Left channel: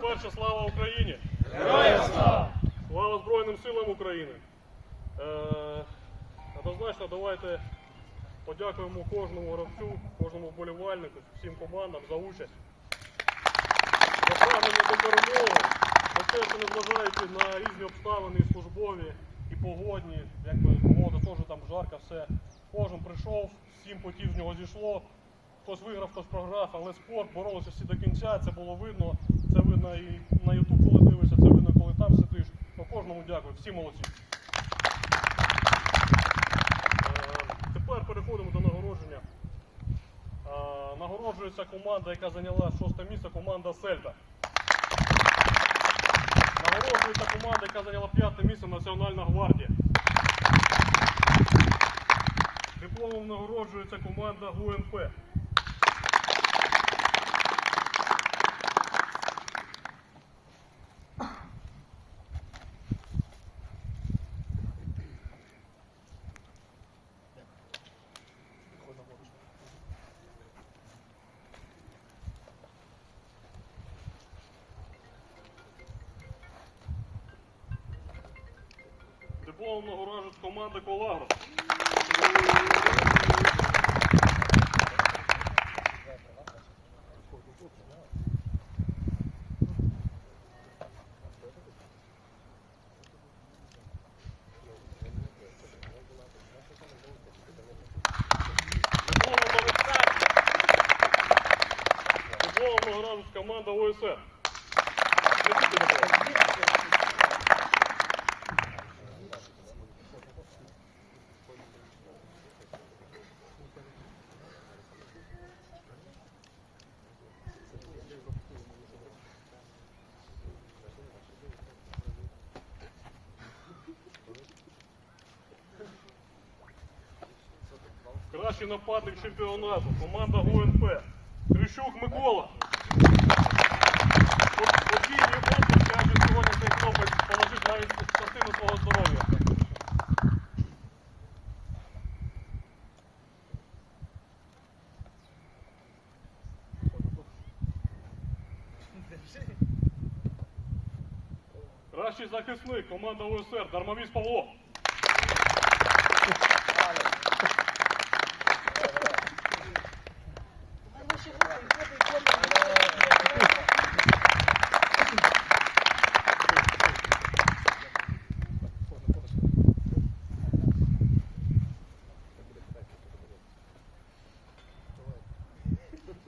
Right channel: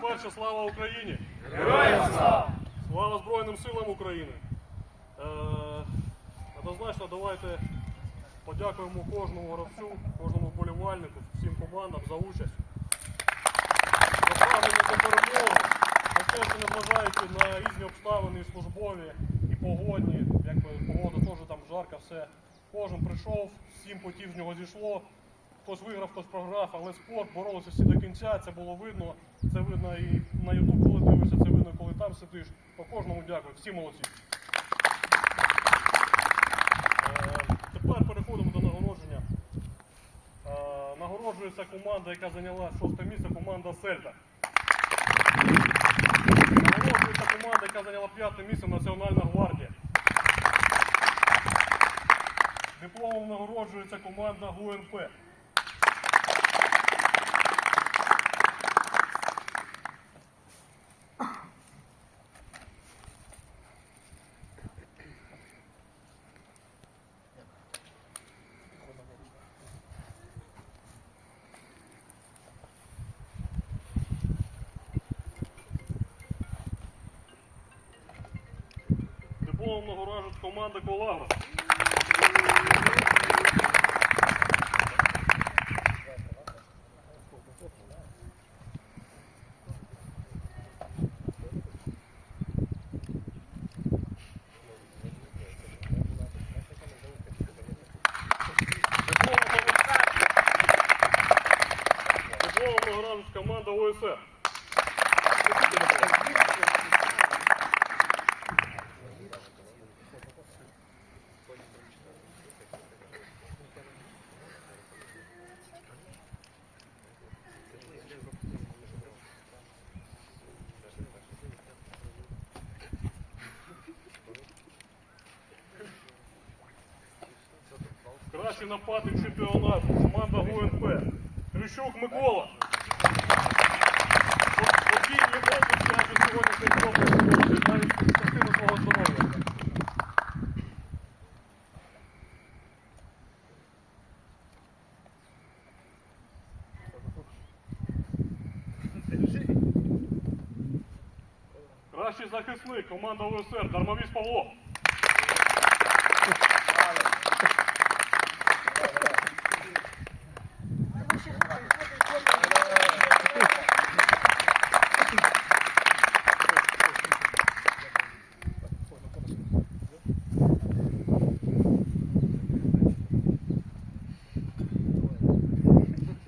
По-перше, слава Україні! Слава Збройним силам України! Е, однозначно, давайте подякуємо кожному гравцю, кожному вболівальнику, всім командам за участь. Прагнення до перемоги, що незважаючи на різні обставини, і службові, і погодні, якби погода теж там жарка, все. Кожен прийшов, сім потів з нього зійшло. Хтось виграв, хтось програв, але спорт боролися всі до кінця, це було видно. Це видно і на Ютуб, коли дивишся, це видно, коли там сидиш. По кожному дякую, всі молодці. Е, Тепер переходимо до нагородження. Е, Нагороджується команда, яка зайняла шосте місце, команда Сельта. Нагороджується команда, яка зайняла п'яте місце Національна гвардія. Дипломом нагороджується команда ГУНП. Дипломом нагороджується команди Колагро. Дипломом нагороджується команда ОСР. Кращий нападник чемпіонату. Команда ГУНП. Трищук Микола. Подій навіть частину свого здоров'я. Кращий захисник, команда УСР, Дармовіс Павло.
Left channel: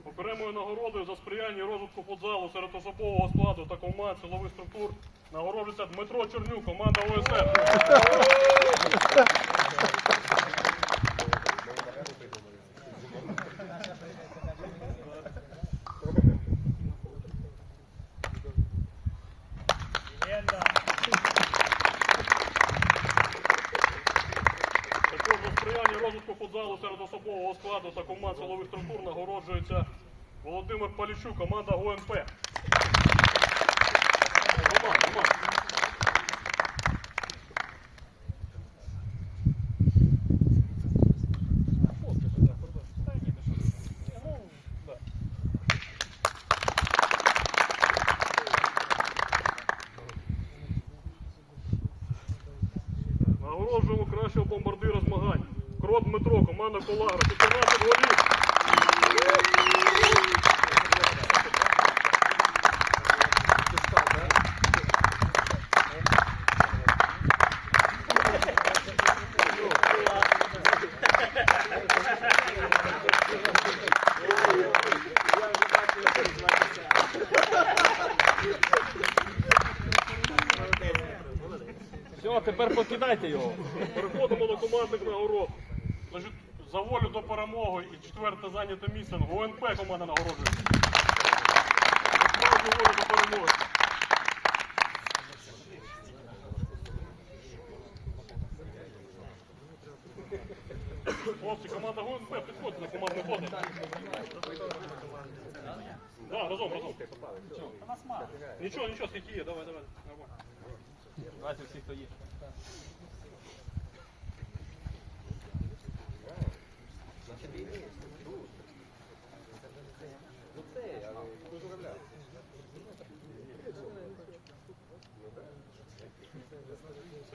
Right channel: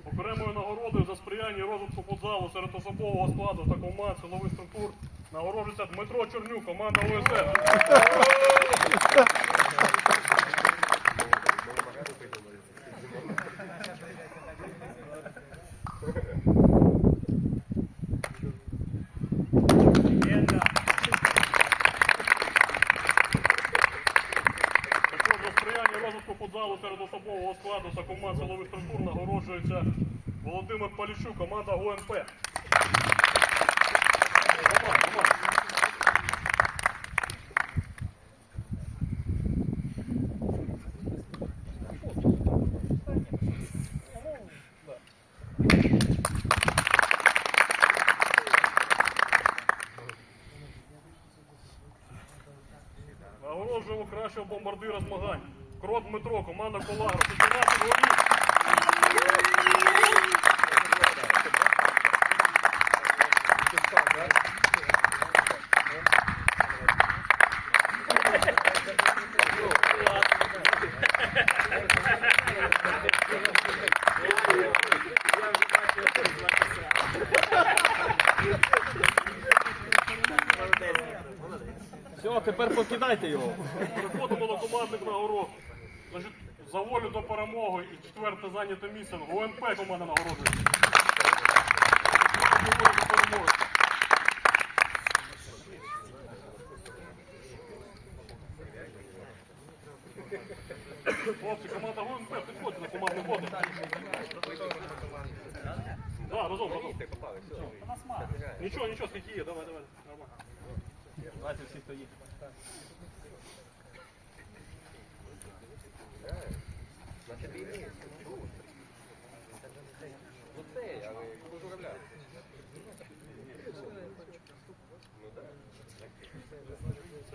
Окремою нагородою за сприяння розвитку футзалу серед особового складу та команд силових структур нагороджується Дмитро Чернюк, команда ОСР. Футзалу серед особового складу та команд силових структур нагороджується Володимир Поліщук, команда Come on, come on. Все, тепер покидайте його. Переходимо до командних нагород. Значить, за волю до перемоги і четверте зайняте місце. ГУНП команда перемоги. Хлопці, команда ГУНП, підходьте на командну воду. Да, разом, разом. Ничего, нас мало. Нічого, нічого, скільки давай, давай. Нормально. Давайте всі, хто є.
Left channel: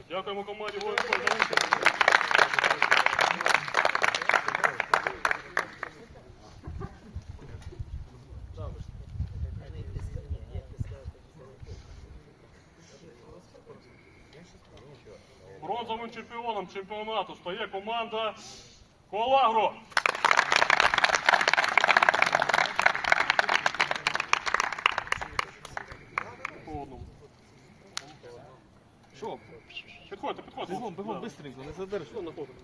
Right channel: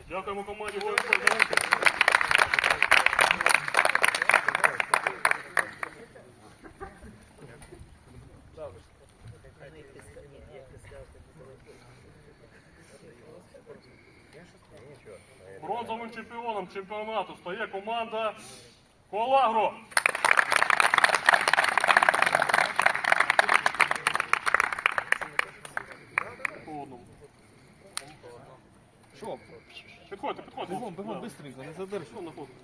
Дякуємо команді «Воїнкор» за участь. Бронзовим чемпіоном чемпіонату стає команда Колагро. Що? Підходьте, підходьте. Бігом, бігом, быстренько, не задержуй. Що знаходите?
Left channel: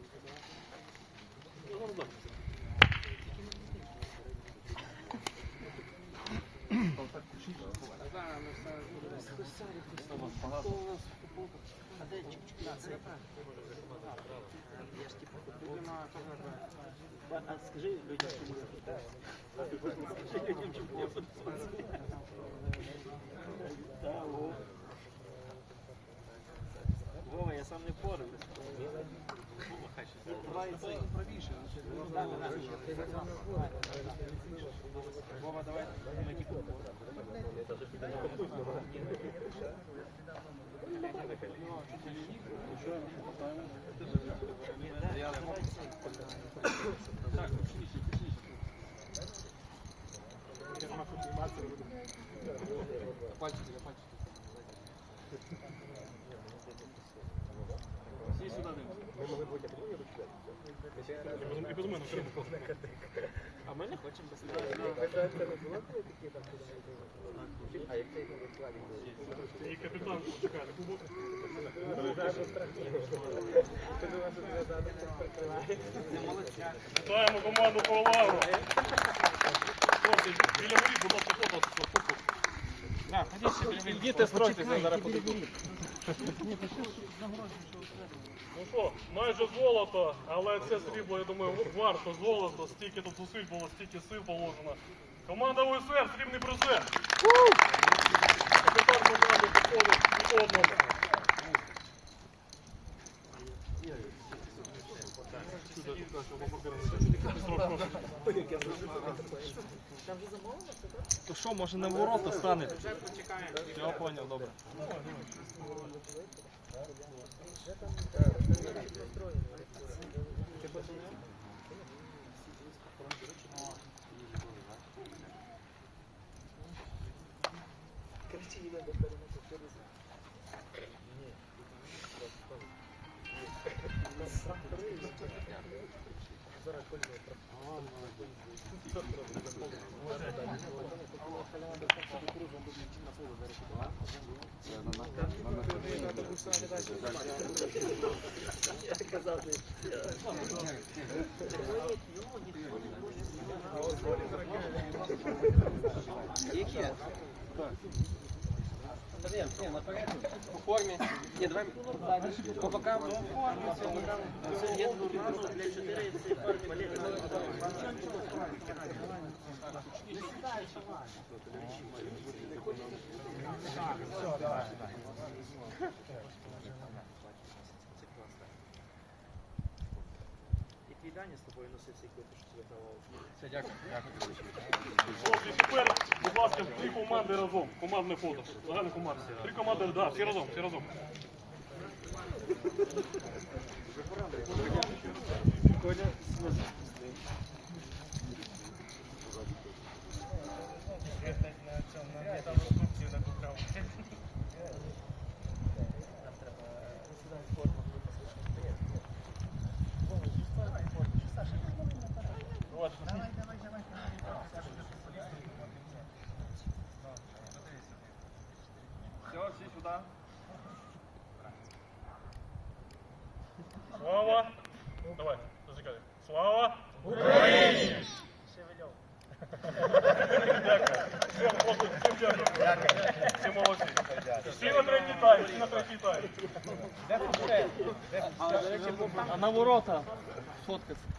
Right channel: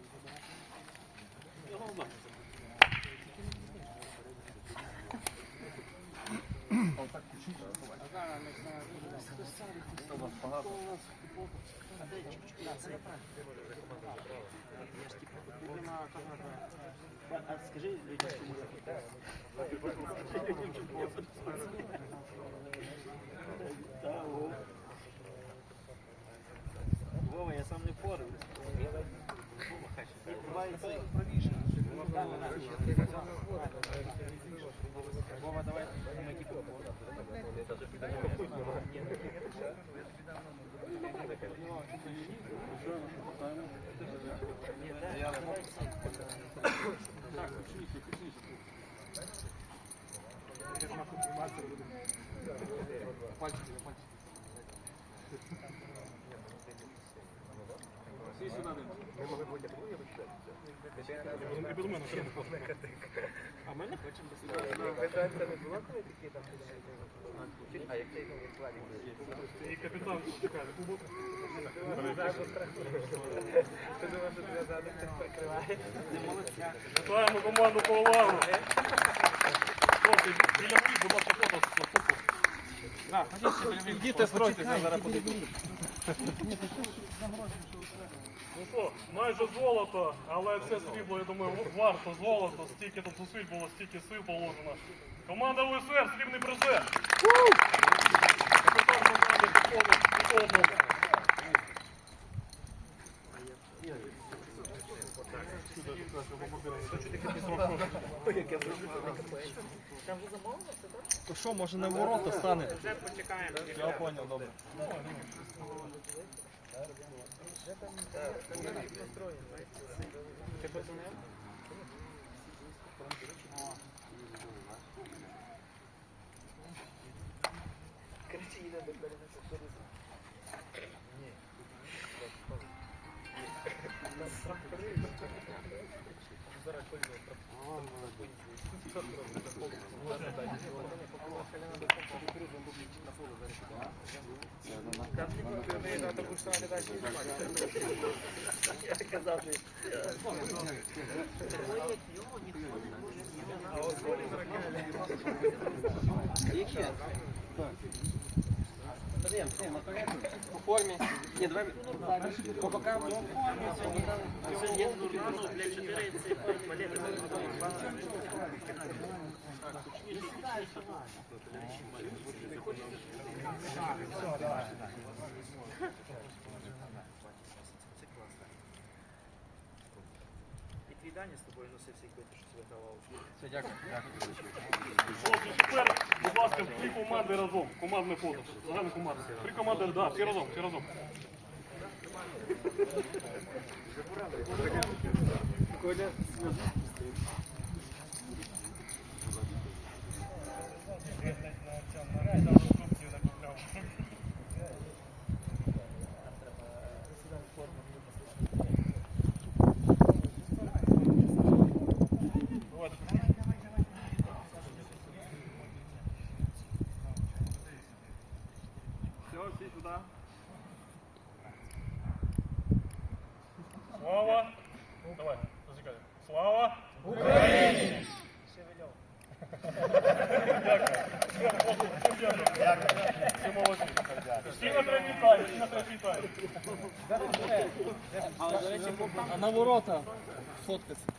Скажи людям, чому я тут. Вова, я сам не впораюсь. Давай цей. Вова, давай ми сюди дивимося. І без мене окремо фото. А ми не хочемо без І капітан чекає. Вітаємо команду Колагро. Хлопці, біля воріт, будь ласка, фото Ідіть, стройте, зараз Ну що, майже золото, але це срібло, я думаю, варто золото, стільки тут зусиль було, стільки сил положено. Команда УСР, срібний призер. Капітан команди підходить до То що, може не ворота стане? Я понял, добре. İyi ki ya. По формі. Ні, давай по бокам. По формі. І твій Даня з тобою носив цей квиток, що вигравав. Все, дякую. Хлопці, тепер, будь ласка, три команди разом. Командне фото. Загальна команда. Три команди, да, всі разом, всі разом. Давайте, Все, всі сюди. Слава! Давай, зачекай. Слава! Україні! Дякую. Всім, хлопці, всім дякую. Всі молодці. Всі на третій тайм, всі на третій тайм. А на ворота фоткаться.